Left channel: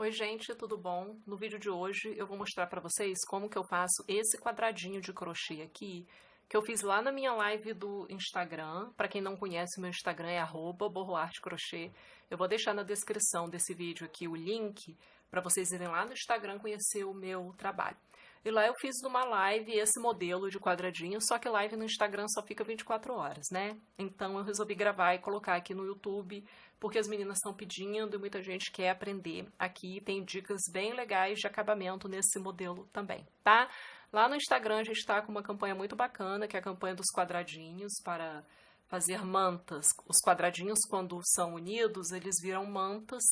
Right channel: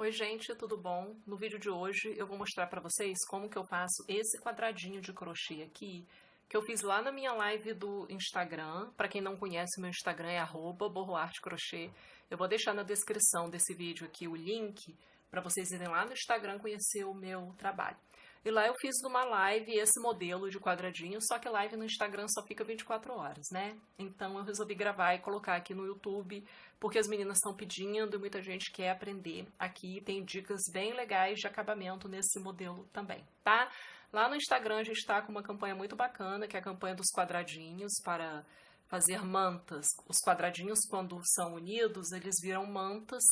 Oi gente, tudo bom? No vídeo de hoje eu vou mostrar para vocês como que eu faço esse quadradinho de crochê aqui, que eu fiz lá na minha live do Instagram. Para quem não conhece, meu Instagram é @borroartecrochê. Eu vou deixar na descrição desse vídeo aqui o link para vocês irem lá no Instagram conhecer o meu trabalho. E lá eu fiz numa live esse modelo de quadradinho, só que live no Instagram só fica 24 horas, né? Então eu resolvi gravar e colocar aqui no YouTube, porque as meninas estão pedindo e muita gente quer aprender. Aqui tem dicas bem legais de acabamento nesse modelo também, tá? Lá no Instagram a gente tá com uma campanha muito bacana, que é a campanha dos quadradinhos, para fazer mantas. Os quadradinhos, quando são unidos, eles viram mantas,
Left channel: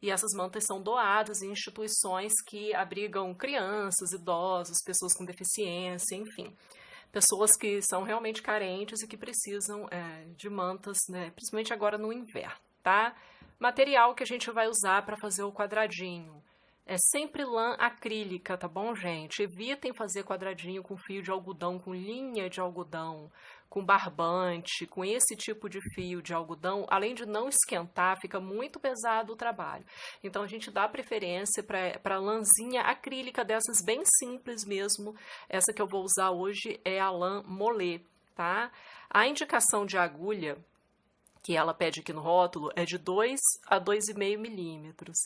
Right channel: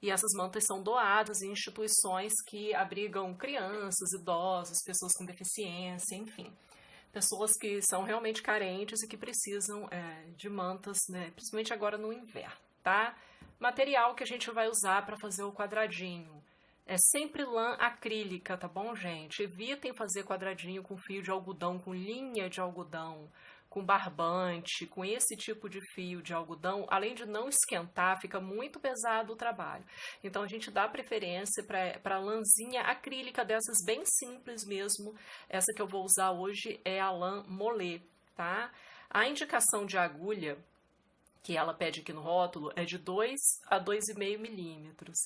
e essas mantas são doadas em instituições que abrigam crianças, idosos, pessoas com deficiência, enfim. Pessoas que são realmente carentes e que precisam de mantas, né, principalmente agora no inverno, tá? Material que a gente vai usar para fazer o quadradinho. É sempre lã acrílica, tá bom, gente? Evitem fazer quadradinho com fio de algodão, com linha de algodão, com barbante, com esse tipo de fio de algodão. Além de não esquentar, fica muito pesado o trabalho. Então a gente dá preferência para lãzinha acrílica dessas bem simples mesmo. Essa que eu vou usar hoje é a lã Mollet, tá? A indicação de agulha que ela pede aqui no rótulo é de 2 a 2,5 milímetros.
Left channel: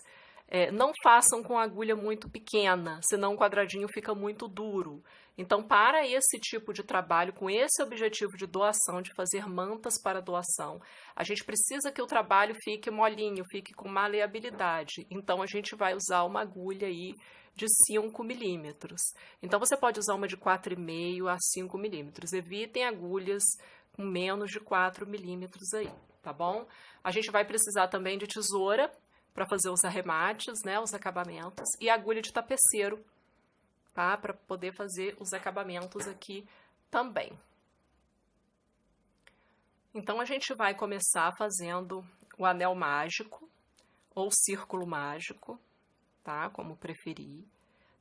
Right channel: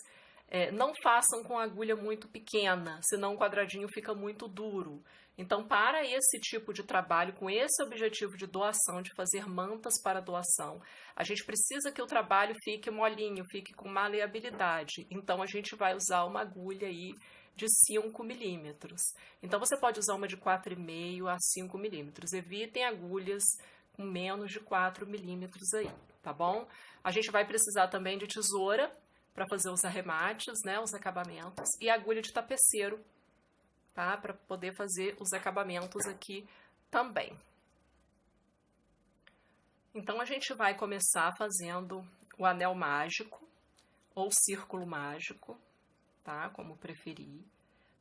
Não façam com agulha muito pequena, senão o quadradinho fica muito duro. Então, para esse tipo de trabalho, com esse objetivo de doação, de fazer mantas para doação, a gente precisa que o trabalho fique molinho, fique com maleabilidade. Então, a gente vai usar uma agulha aí de 5 milímetros. Então, você pode usar uma de 4,5 a 5 milímetros. Evitem agulhas com menos de 4 milímetros aí, tá bom? A gente vai precisar também de tesoura para fazer os arremates, né, os acabamentos, e agulha de tapeceiro, tá, para poder fazer os acabamentos aqui também. Então a gente vai começar fazendo o anel mágico ou círculo mágico, tá, como preferir.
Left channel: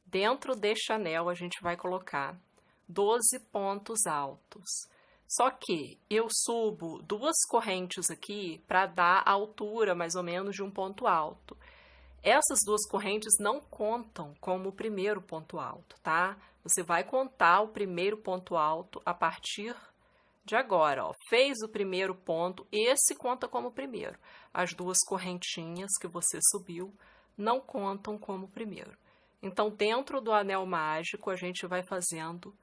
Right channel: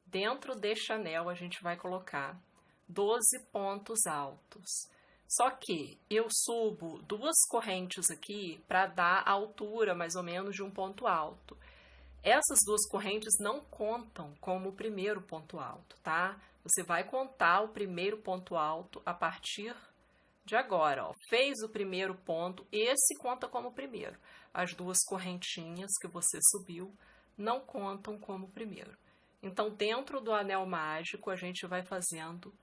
Dentro deste anel a gente vai colocar 12 pontos altos. Só que eu subo 2 correntes aqui para dar a altura mais ou menos de um ponto alto. Essas 2 correntes não contam como o primeiro ponto alto, tá? Você vai contar o primeiro ponto alto a partir de agora, ó. Fez o primeiro ponto, esse conta como primeiro. As 2 correntinhas que você subiu não contam como primeiro. Então, dentro do anel mágico, a gente vai fazendo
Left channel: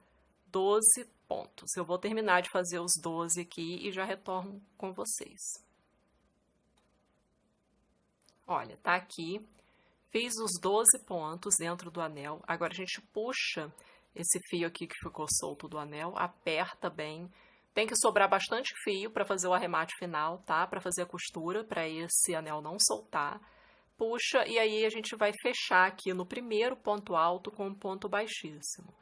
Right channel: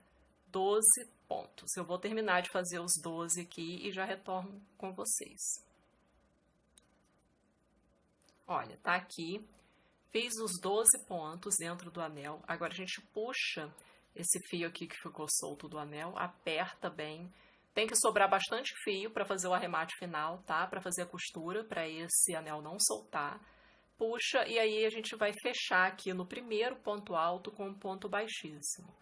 12 pontos. Eu vou terminar de fazer os 12 aqui e já retorno com vocês. Olha, tá aqui. Fiz os 12 pontos dentro do anel. Agora a gente puxa esse fio aqui que ficou solto do anel, aperta bem. Tem que sobrar bastante fio para fazer o arremate final, tá? Para fazer a costura, para esse anel não soltar. Puxa e aí a gente vai fechar aqui no primeiro ponto alto com um ponto baixíssimo.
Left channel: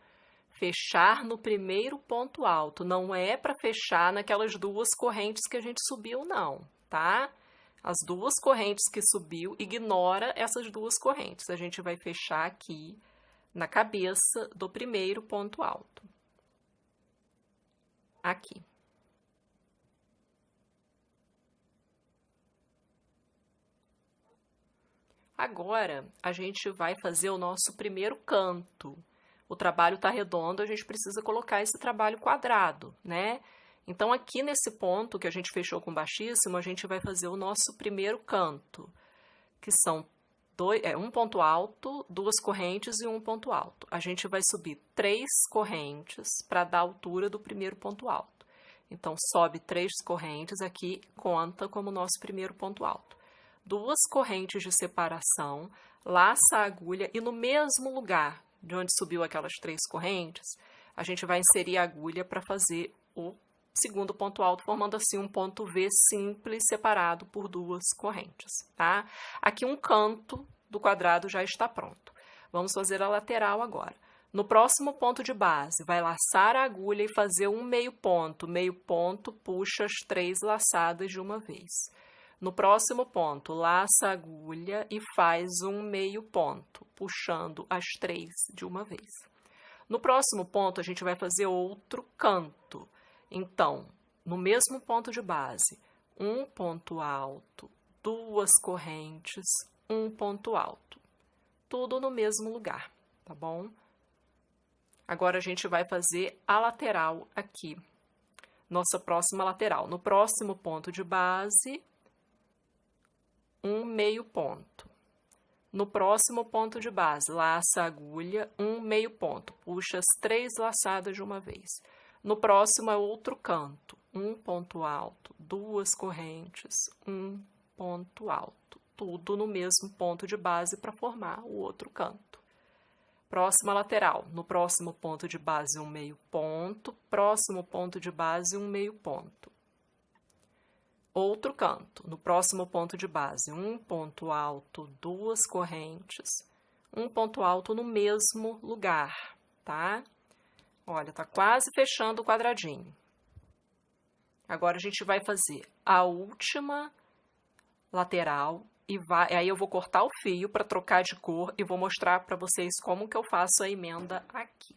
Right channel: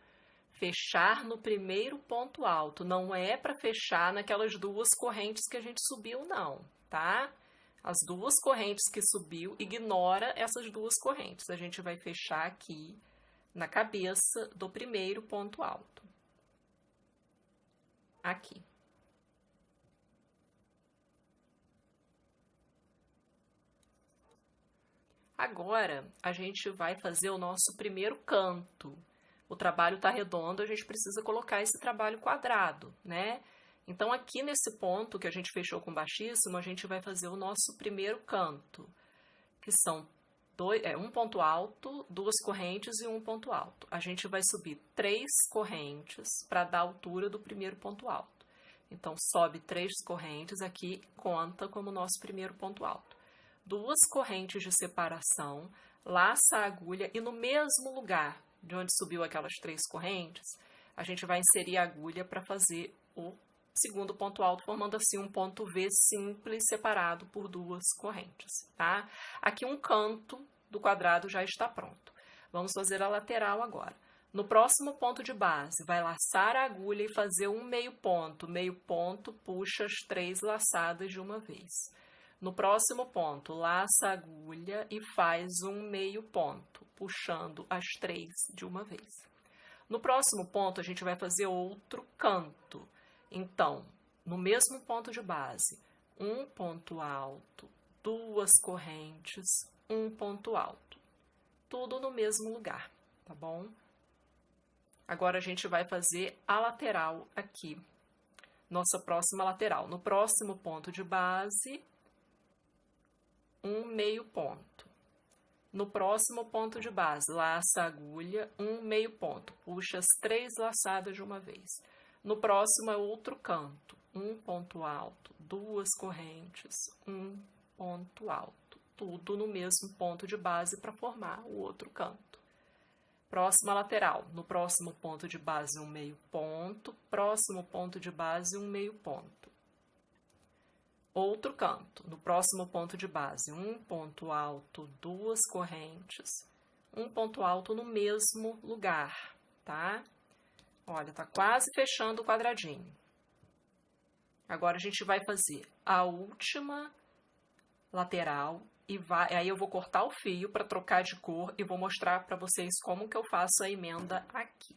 Fechar no primeiro ponto alto, não é para fechar naquelas 2 correntes que a gente subiu, não, tá? As 2 correntes que subiu, ignora essas 2 correntes. A gente vai fechar aqui na cabeça do primeiro ponto alto. Aqui. Agora, a gente vai fazer o nosso primeiro canto. O trabalho tá redondo, a gente precisa colocar esse trabalho quadrado, né? Então, aqui nesse ponto que a gente fechou com baixíssimo, a gente vai fazer o nosso primeiro canto, que são um ponto alto, 2 correntes e um ponto alto. A gente vai subir 3 correntes para dar a altura do primeiro ponto alto. Então, sobe 3 correntes, aqui conta como nosso primeiro ponto alto. 2 correntes de separação, laça a agulha e no mesmo lugar de onde subiu aquelas 3 correntes, a gente vai inserir a agulha para fazer o segundo ponto alto, formando assim um ponto V simples separado por 2 correntes, tá? Aqui um canto do quadrado já está pronto. Vamos fazer a lateral agora. No próximo ponto de base, vai laçar a agulha e fazer um meio ponto. Meio ponto, puxa as 3 laçadas de uma vez. No próximo ponto, laça a agulha e faz um meio ponto, puxando as 3 de uma vez. No próximo ponto, a gente vai fazer outro canto. Então, no mesmo ponto de base, um ponto alto, 2 correntes, um ponto alto. tudo no mesmo lugar, tá bom? Agora a gente vai fazer a lateral aqui, nossa próxima lateral. No próximo ponto de base, um meio ponto. No próximo ponto de base, laça a agulha, um meio ponto. Puxa as 3 laçadas de uma vez. No próximo é outro canto, um ponto alto, 2 correntes, um ponto alto. Tudo no mesmo ponto de base para formar o outro canto. Próxima lateral, no próximo ponto de base, um meio ponto. Próximo ponto de base, um meio ponto. Outro canto, no próximo ponto de base, um ponto alto, 2 correntes, um ponto alto no mesmo lugar, tá? Olha, tá quase fechando o quadradinho. Agora a gente vai fazer a última lateral e aí eu vou cortar o fio para trocar de cor e vou mostrar para vocês como que eu faço a emenda aqui.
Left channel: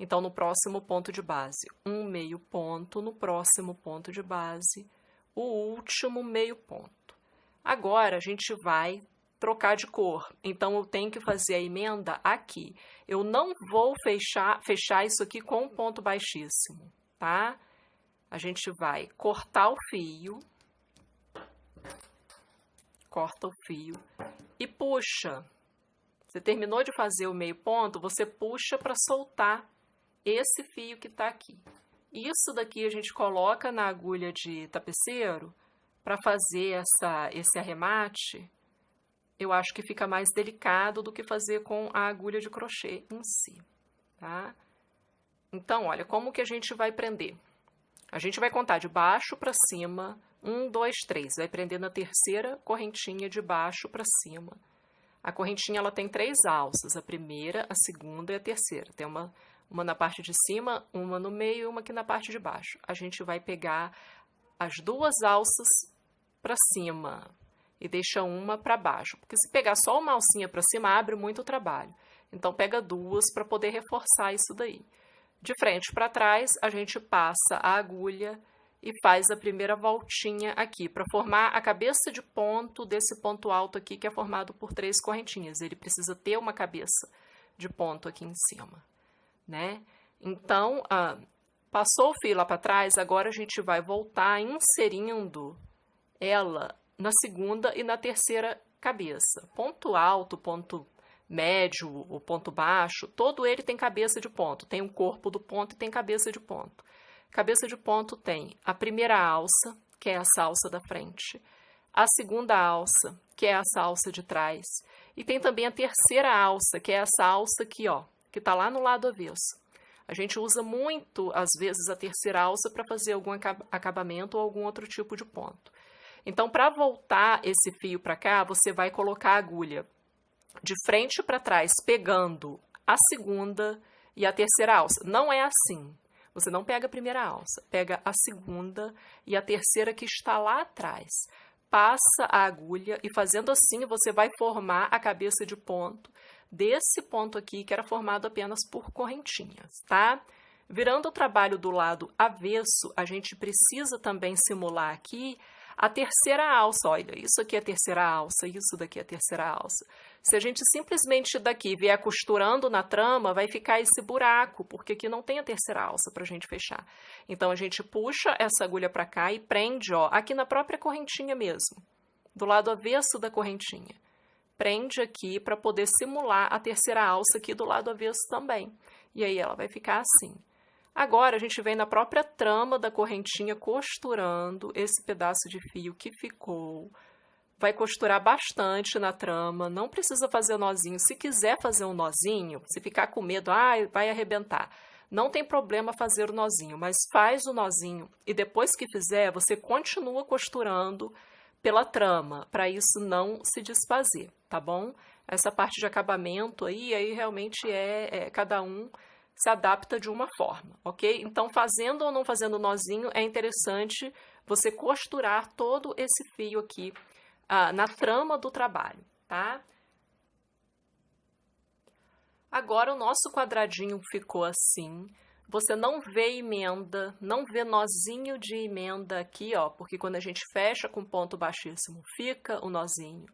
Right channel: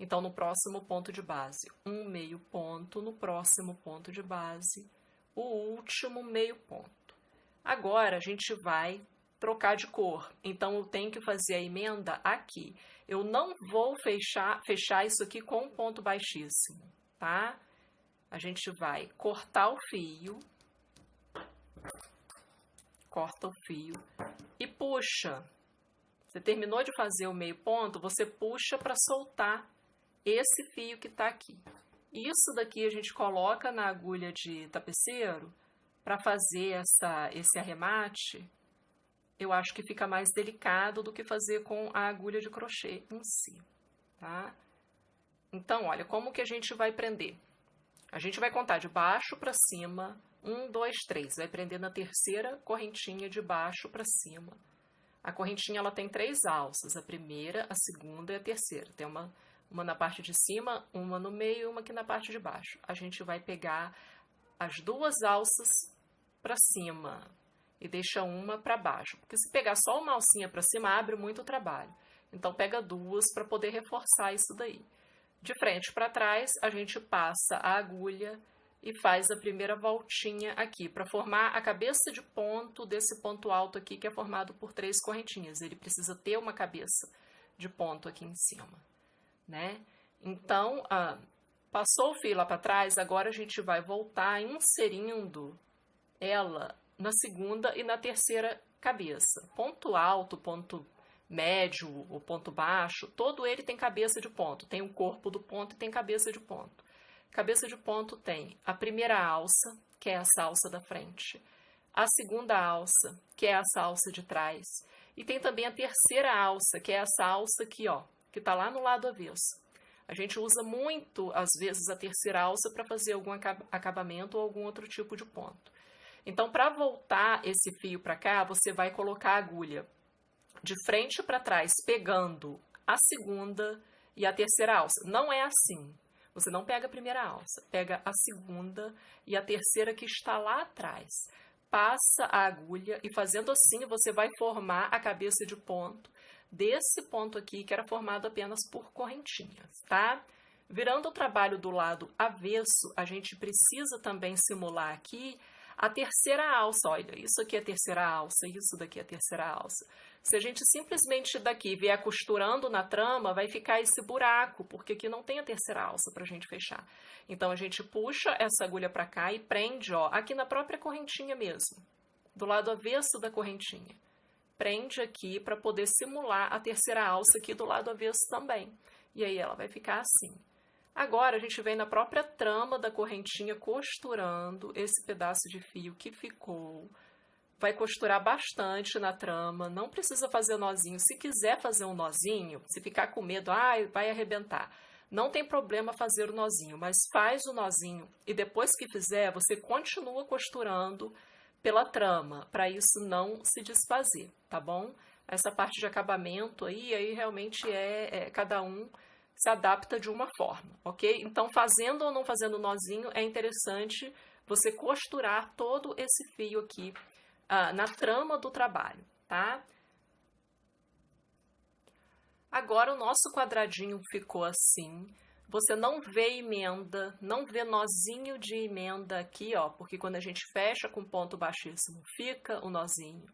Então, no próximo ponto de base, um meio ponto, no próximo ponto de base, o último meio ponto. Agora, a gente vai trocar de cor, então eu tenho que fazer a emenda aqui. Eu não vou fechar isso aqui com um ponto baixíssimo, tá? A gente vai cortar o fio, corta o fio e puxa. Você terminou de fazer o meio ponto, você puxa para soltar esse fio que tá aqui. Isso daqui a gente coloca na agulha de tapeceiro para fazer esse arremate. Eu acho que fica mais delicado do que fazer com a agulha de crochê em si, tá? Então, olha, como que a gente vai prender? A gente vai contar de baixo para cima, 1, 2, 3. Vai prender na terceira correntinha de baixo para cima. A correntinha ela tem 3 alças, a primeira, a segunda e a terceira. Tem uma na parte de cima, uma no meio e uma aqui na parte de baixo. A gente vai pegar as 2 alças para cima e deixa uma para baixo. Porque se pegar só uma alcinha para cima, abre muito trabalho. Então, pega 2 para poder reforçar isso daí. De frente para trás, a gente passa a agulha e faz a primeira voltinha aqui, para formar a cabeça de ponto desse ponto alto aqui, que é formado por 3 correntinhas. Ele precisa ter uma cabeça de ponto aqui em cima, né? Então, passou o fio lá para trás, agora a gente vai voltar inserindo ela na segunda e na terceira cabeça. Ponto alto, ponto médio, o ponto baixo, todo ele tem cabeça de ponto. Tem o corpo do ponto e tem cabeça de ponto. Cabeça de ponto tem a primeira alça, que é essa alça da frente, a segunda alça, que é essa alça de trás, e tem também a terceira alça, que é essa alça aqui, ó, que tá lá no lado avesso. A gente usa muito, às vezes, a terceira alça para fazer algum acabamento ou algum outro tipo de ponto. Então, para voltar esse fio para cá, você vai colocar a agulha de frente para trás, pegando a segunda e a terceira alça. Não é assim. Você não pega a primeira alça, pega a segunda e a terceira que está lá atrás. Passa a agulha e fazendo assim você vai formar a cabeça de ponto desse ponto aqui que era formado apenas por correntinhas, tá? Virando o trabalho do lado avesso, a gente precisa também simular aqui a terceira alça. Olha, isso aqui é a terceira alça, isso daqui é a terceira alça. Se a gente simplesmente daqui vier costurando na trama, vai ficar esse buraco, porque aqui não tem a terceira alça para a gente fechar. Então, a gente puxa essa agulha para cá e prende, ó, aqui na própria correntinha mesmo, do lado avesso da correntinha. Prende aqui para poder simular a terceira alça aqui do lado avesso também. E aí ela vai ficar assim. Agora, a gente vem na própria trama da correntinha costurando esse pedaço de fio que ficou. Vai costurar bastante na trama, não precisa fazer nozinho. Se quiser fazer um nozinho, se ficar com medo, vai arrebentar. Não tem problema fazer o nozinho, mas faz o nozinho e depois que fizer, você continua costurando pela trama, para isso não se desfazer, tá bom? Essa parte de acabamento aí realmente cada um se adapta de uma forma, ok? Então, fazendo ou não fazendo nozinho, é interessante você costurar todo esse fio aqui na trama do trabalho, tá? Agora, o nosso quadradinho ficou assim. Você não vê emenda, não vê nozinho de emenda aqui, ó, porque quando a gente fecha com ponto baixíssimo, fica o nozinho.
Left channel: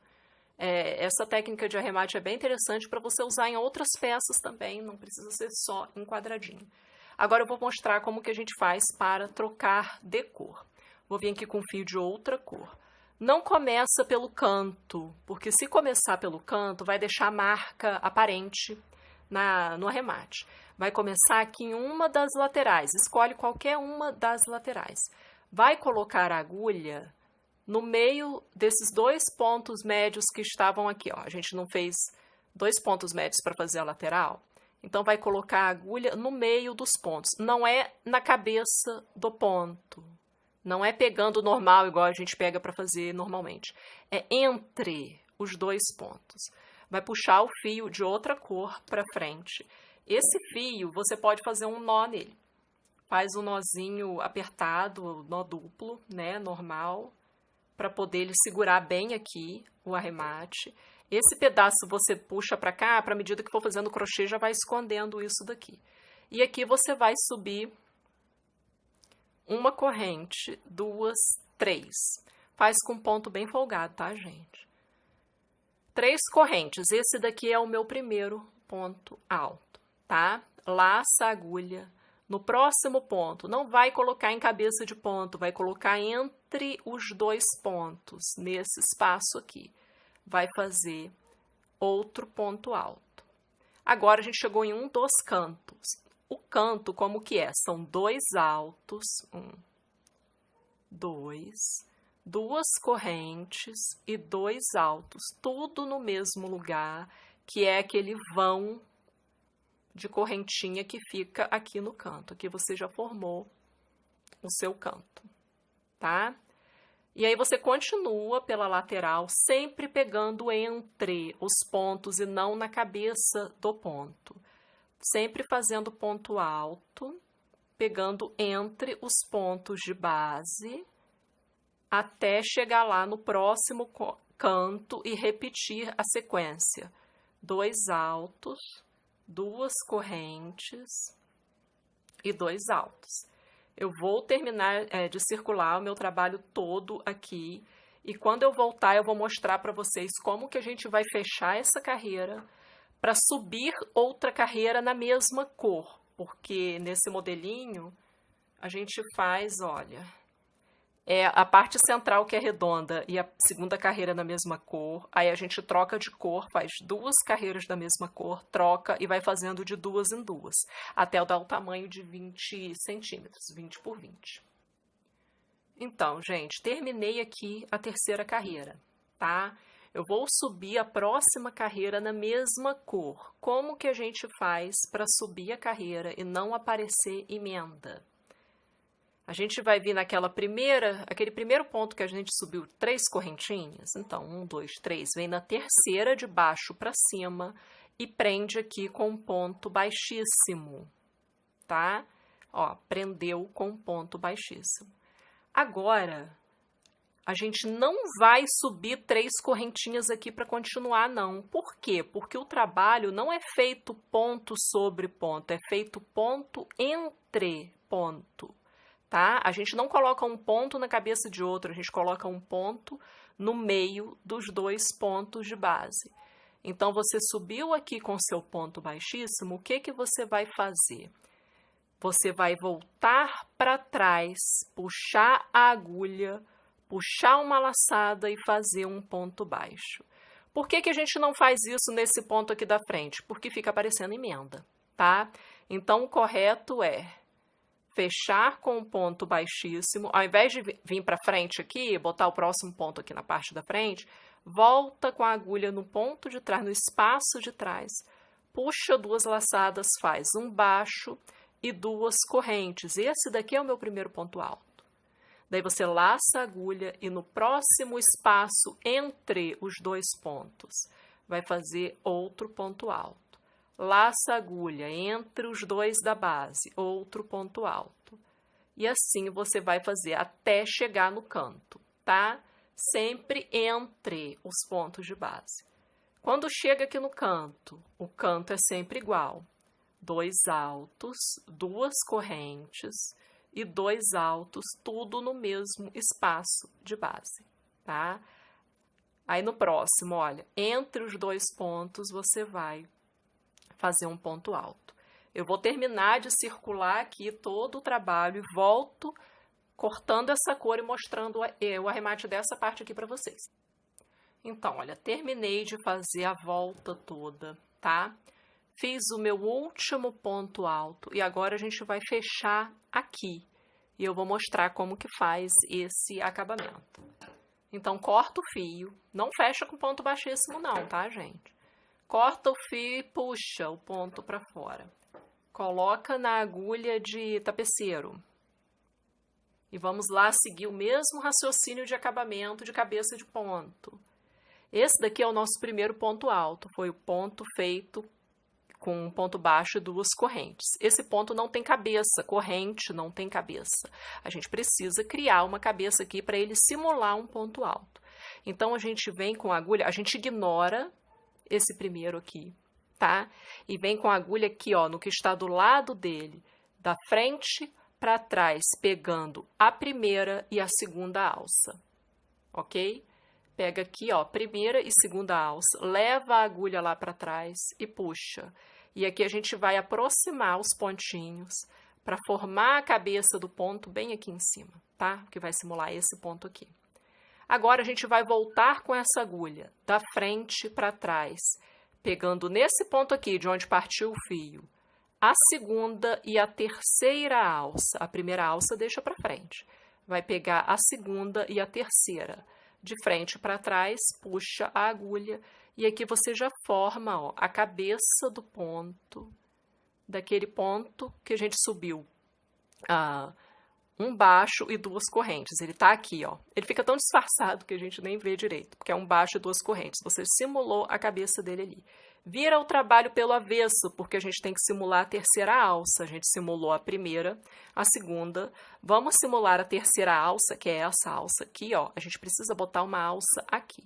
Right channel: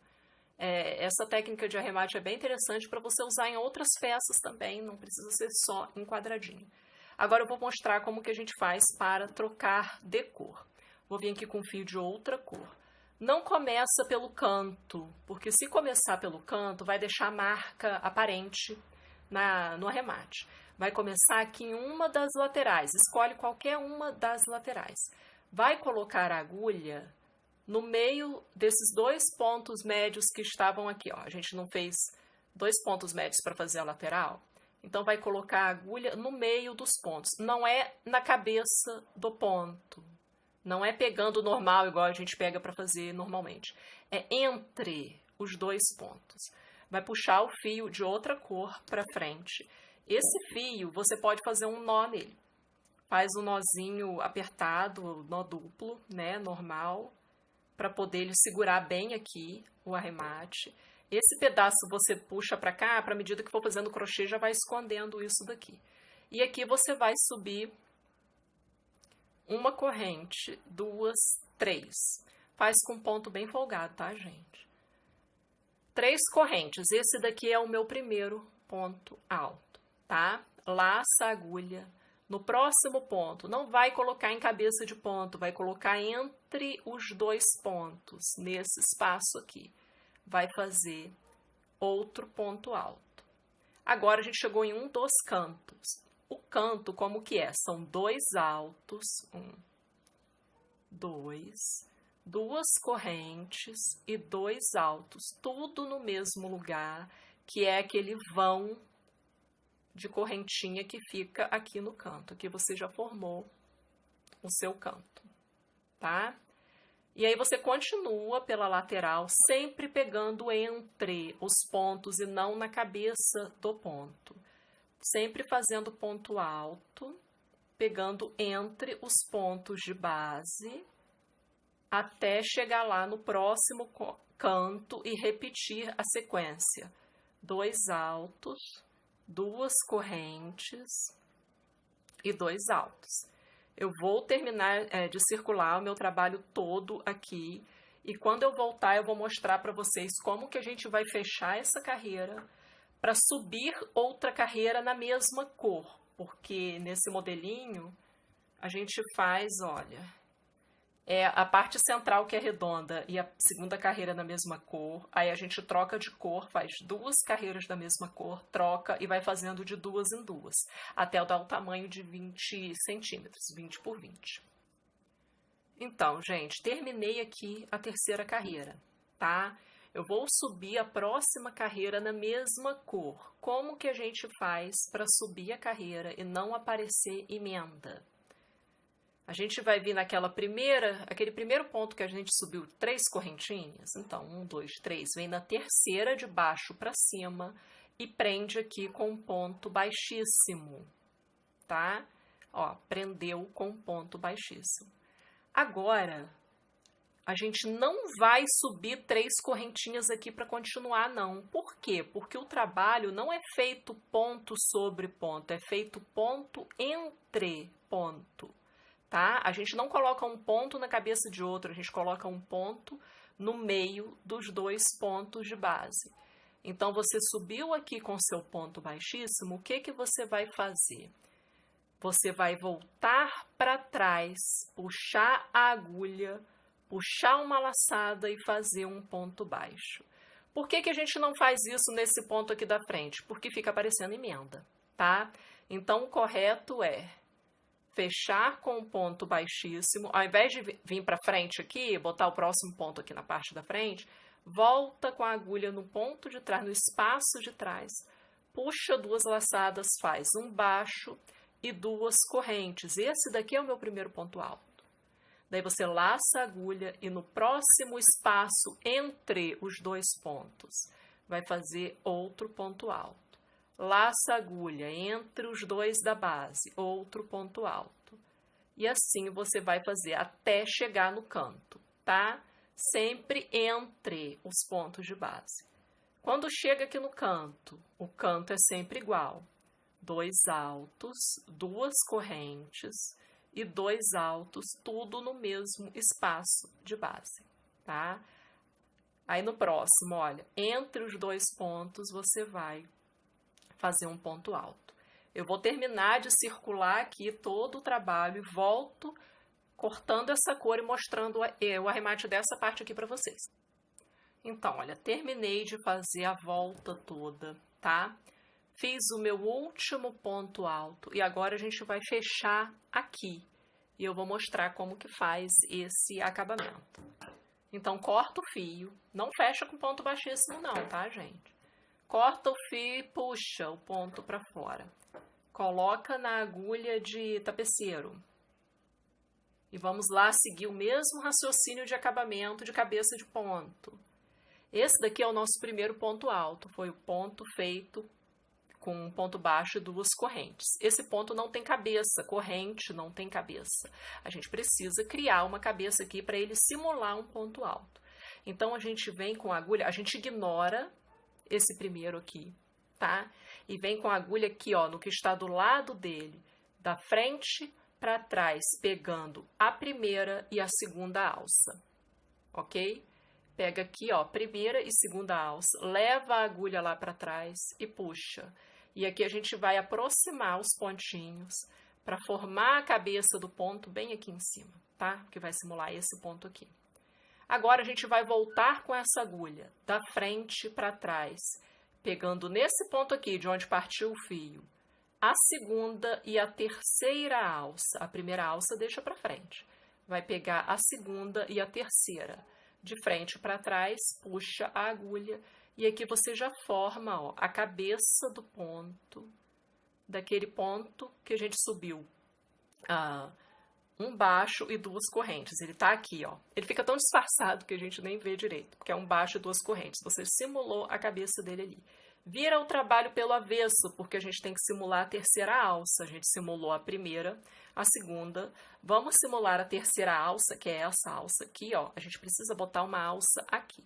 Essa técnica de arremate é bem interessante para você usar em outras peças também, não precisa ser só em quadradinho. Agora eu vou mostrar como que a gente faz para trocar de cor. Vou vir aqui com fio de outra cor. Não começa pelo canto, porque se começar pelo canto, vai deixar a marca aparente no arremate. Vai começar aqui em uma das laterais, escolhe qualquer uma das laterais. Vai colocar a agulha no meio desses 2 pontos médios que estavam aqui, ó. A gente não fez 2 pontos médios para fazer a lateral, então vai colocar a agulha no meio dos pontos. Não é na cabeça do ponto, não é pegando normal igual a gente pega para fazer normalmente. É entre os 2 pontos. Vai puxar o fio de outra cor para frente. Esse fio você pode fazer um nó nele. Faz um nozinho apertado, nó duplo, né, normal, para poder ele segurar bem aqui o arremate. Esse pedaço você puxa para cá, para a medida que for fazendo crochê, já vai escondendo isso daqui. E aqui você vai subir uma corrente, 2, 3. Faz com ponto bem folgado, tá, gente? 3 correntes. Esse daqui é o meu primeiro ponto alto, tá? Laça a agulha no próximo ponto. Não vai colocar em cabeça de ponto, vai colocar entre os 2 pontos, nesse espaço aqui. Vai fazer outro ponto alto. Agora a gente chegou em um dos cantos. O canto, como que é? São 2 altos, 1, 2, 2 correntes e 2 altos, tudo no mesmo lugar, que é aquele vão de correntinha que fica aqui no canto. Aqui você já formou o seu canto, tá? E aí você continua pela lateral, sempre pegando entre os pontos e não na cabeça do ponto. Sempre fazendo ponto alto, pegando entre os pontos de base, até chegar lá no próximo canto e repetir a sequência. 2 altos, 2 correntes e 2 altos. Eu vou terminar de circular o meu trabalho todo aqui e quando eu voltar eu vou mostrar para vocês como que a gente vai fechar essa carreira para subir outra carreira na mesma cor, porque nesse modelinho a gente faz, olha, a parte central que é redonda e a segunda carreira na mesma cor, aí a gente troca de cor, faz 2 carreiras da mesma cor, troca e vai fazendo de 2 em 2, até dar o tamanho de 20 centímetros, 20 por 20. Então, gente, terminei aqui a terceira carreira, tá? Eu vou subir a próxima carreira na mesma cor. Como que a gente faz para subir a carreira e não aparecer emenda? A gente vai vir aquele primeiro ponto que a gente subiu 3 correntinhas. Então, 1, 2, 3, vem na terceira de baixo para cima e prende aqui com um ponto baixíssimo, tá? Ó, prendeu com um ponto baixíssimo. Agora, a gente não vai subir 3 correntinhas aqui para continuar, não. Por quê? Porque o trabalho não é feito ponto sobre ponto, é feito ponto entre ponto. Tá? A gente não coloca um ponto na cabeça de outro, a gente coloca um ponto no meio dos 2 pontos de base. Então, você subiu aqui com seu ponto baixíssimo, o que que você vai fazer? Você vai voltar para trás, puxar a agulha, puxar uma laçada e fazer um ponto baixo. Por que que a gente não faz isso nesse ponto aqui da frente? Porque fica aparecendo emenda, tá? Então, o correto é fechar com um ponto baixíssimo, ao invés de vir para frente aqui, botar o próximo ponto aqui na parte da frente, volta com a agulha no ponto de trás, no espaço de trás, puxa 2 laçadas, faz um baixo e 2 correntes. Esse daqui é o meu primeiro ponto alto. Daí você laça a agulha e no próximo espaço entre os 2 pontos, vai fazer outro ponto alto. Laça a agulha entre os 2 da base, outro ponto alto. E assim você vai fazer até chegar no canto, tá? Sempre entre os pontos de base. Quando chega aqui no canto, o canto é sempre igual. 2 altos, 2 correntes e 2 altos, tudo no mesmo espaço de base, tá? Aí no próximo, olha, entre os dois pontos você vai fazer um ponto alto. Eu vou terminar de circular aqui todo o trabalho e volto cortando essa cor e mostrando o arremate dessa parte aqui para vocês. Então, olha, terminei de fazer a volta toda, tá? Fiz o meu último ponto alto e agora a gente vai fechar aqui. E eu vou mostrar como que faz esse acabamento. Então, corta o fio. Não fecha com ponto baixíssimo não, tá, gente? Corta o fio e puxa o ponto para fora. Coloca na agulha de tapeceiro. E vamos lá seguir o mesmo raciocínio de acabamento de cabeça de ponto. Esse daqui é o nosso primeiro ponto alto. Foi o ponto feito com um ponto baixo e 2 correntes. Esse ponto não tem cabeça, corrente não tem cabeça. A gente precisa criar uma cabeça aqui para ele simular um ponto alto. Então, a gente vem com a agulha, a gente ignora esse primeiro aqui, tá? E vem com a agulha aqui, ó, no que está do lado dele, da frente para trás, pegando a primeira e a segunda alça, ok? Pega aqui, ó, primeira e segunda alça, leva a agulha lá para trás e puxa. E aqui a gente vai aproximar os pontinhos para formar a cabeça do ponto bem aqui em cima, tá? Que vai simular esse ponto aqui. Agora a gente vai voltar com essa agulha da frente para trás, pegando nesse ponto aqui de onde partiu o fio, a segunda e a terceira alça. A primeira alça deixa para frente. Vai pegar a segunda e a terceira. De frente para trás, puxa a agulha e aqui você já forma, ó, a cabeça do ponto, daquele ponto que a gente subiu um baixo e 2 correntes. Ele tá aqui, ó. Ele fica tão disfarçado que a gente nem vê direito, porque é um baixo e 2 correntes. Você simulou a cabeça dele ali. Vira o trabalho pelo avesso, porque a gente tem que simular a terceira alça. A gente simulou a primeira, a segunda. Vamos simular a terceira alça, que é essa alça aqui, ó. A gente precisa botar uma alça aqui.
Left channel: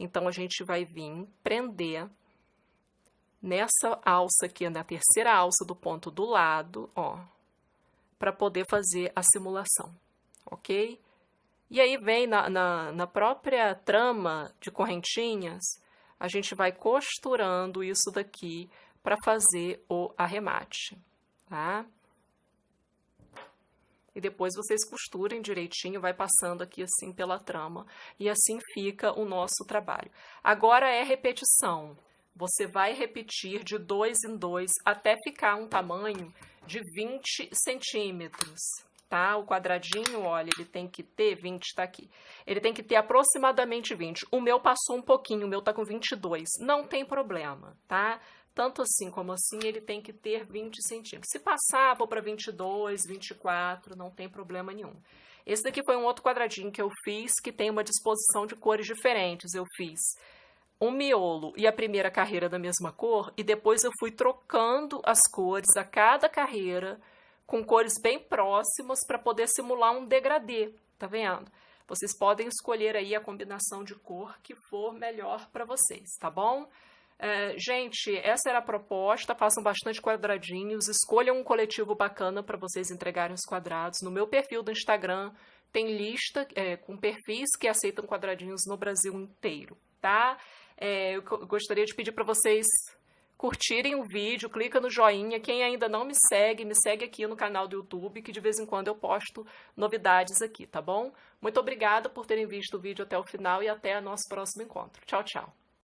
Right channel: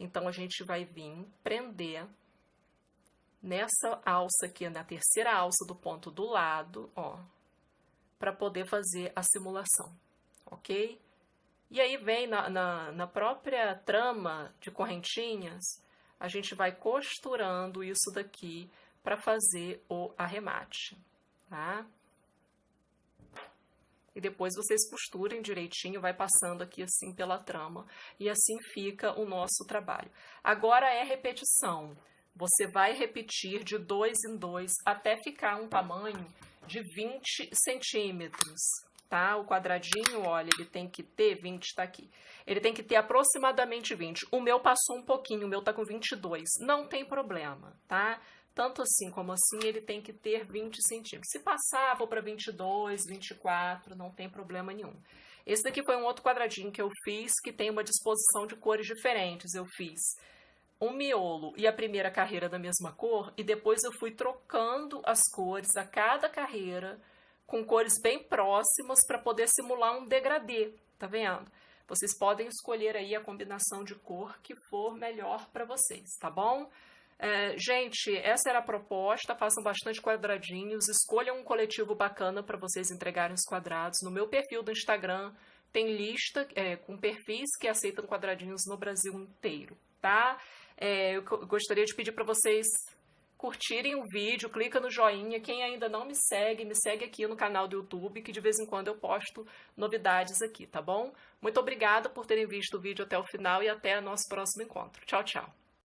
Então, a gente vai vir prender nessa alça aqui, na terceira alça do ponto do lado, ó, para poder fazer a simulação, ok? E aí vem na própria trama de correntinhas, a gente vai costurando isso daqui para fazer o arremate, tá? E depois vocês costurem direitinho, vai passando aqui assim pela trama, e assim fica o nosso trabalho. Agora é repetição. Você vai repetir de 2 em 2 até ficar um tamanho de 20 centímetros, tá? O quadradinho, olha, ele tem que ter 20, tá aqui. Ele tem que ter aproximadamente 20. O meu passou um pouquinho, o meu tá com 22. Não tem problema, tá? Tanto assim como assim, ele tem que ter 20 centímetros. Se passar, vou para 22, 24, não tem problema nenhum. Esse daqui foi um outro quadradinho que eu fiz, que tem uma disposição de cores diferentes. Eu fiz um miolo e a primeira carreira da mesma cor, e depois eu fui trocando as cores a cada carreira com cores bem próximas para poder simular um degradê, tá vendo? Vocês podem escolher aí a combinação de cor que for melhor para vocês, tá bom? Gente, essa era a proposta, façam bastante quadradinhos, escolham um coletivo bacana para vocês entregarem os quadrados. No meu perfil do Instagram tem lista com perfis que aceitam quadradinhos no Brasil inteiro, tá? Eu gostaria de pedir para vocês curtirem o vídeo, clica no joinha. Quem ainda não me segue aqui no canal do YouTube, que de vez em quando eu posto novidades aqui, tá bom? Muito obrigada por terem visto o vídeo até o final e até o nosso próximo encontro. Tchau, tchau!